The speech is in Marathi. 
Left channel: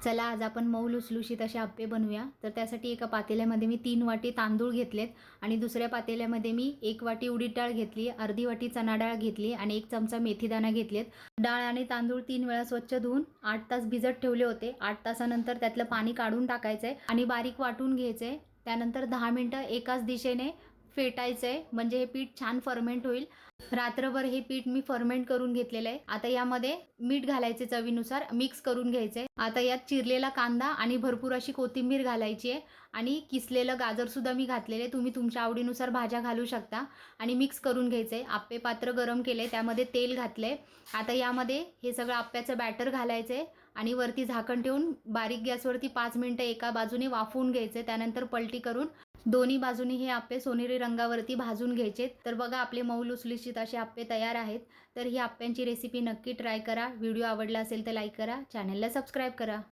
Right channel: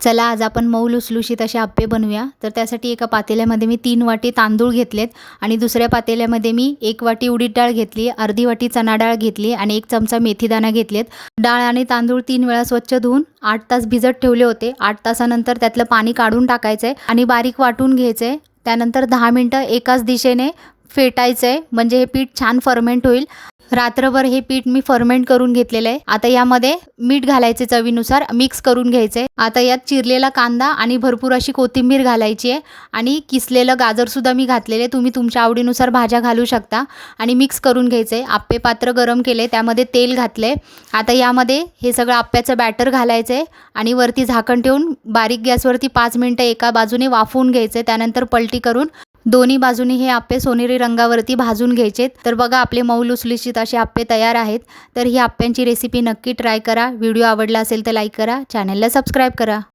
चला आज आपण मऊ लुसलुशीत असे आप्पे बनवूया। तर त्यासाठी एका पातेल्यामध्ये मी 3 वाटी तांदूळ घेतलेत आणि दुसऱ्या पातेल्यामध्ये मी 1 वाटी उडीद डाळ घेतली, अर्धी वाटी चणा डाळ घेतली आणि 1 चमचा मेथीदाणा घेतलेत। डाळ आणि तांदूळ 3 वेळा स्वच्छ धुवून 8 तास भिजत ठेवले होते। 8 तासानंतर त्यातलं पाणी काढून टाकायचं आणि बारीक वाटून घ्यायचं। त्यानंतर 10 मिनिटं एकाच दिशेने फेटायचं म्हणजे हे पीठ छान फर्मेंट होईल। रात्रभर हे पीठ मी फर्मेंट करून घेतलेलं आहे। आता यामध्ये मीठ घालायचे चवीनुसार, मिक्स करून घ्यायचे। आता यात चिरलेला कांदा आणि भरपूर अशी कोथिंबीर घालायची आहे आणि किसलेलं गाजर सुद्धा मी घातलेले, तुम्ही तुमच्या आवडीनुसार भाज्या घालू शकता आणि मिक्स करून घ्यायचे। आप्पे पात्र गरम केले, त्यामध्ये तेल घातले। आता यामध्ये हे सगळं आप्प्याचं बॅटर घालायचे आणि वरती झाकण ठेवून बारीक गॅसवरती 5 मिनिटं एका बाजूने वाफवून घ्यायचे। त्यानंतर पलटी करून दोन्ही बाजूनी हे आप्पे सोनेरी रंगावरती भाजून घ्यायचे। तर बघा आपले मऊ लुसलुशीत असे आप्पे तयार आहेत। तर ही आप्प्यांची रेसिपी नक्की ट्राय करा। व्हिडिओ आवडला असेल तर लाईक करा, चॅनलला सबस्क्राईब करा।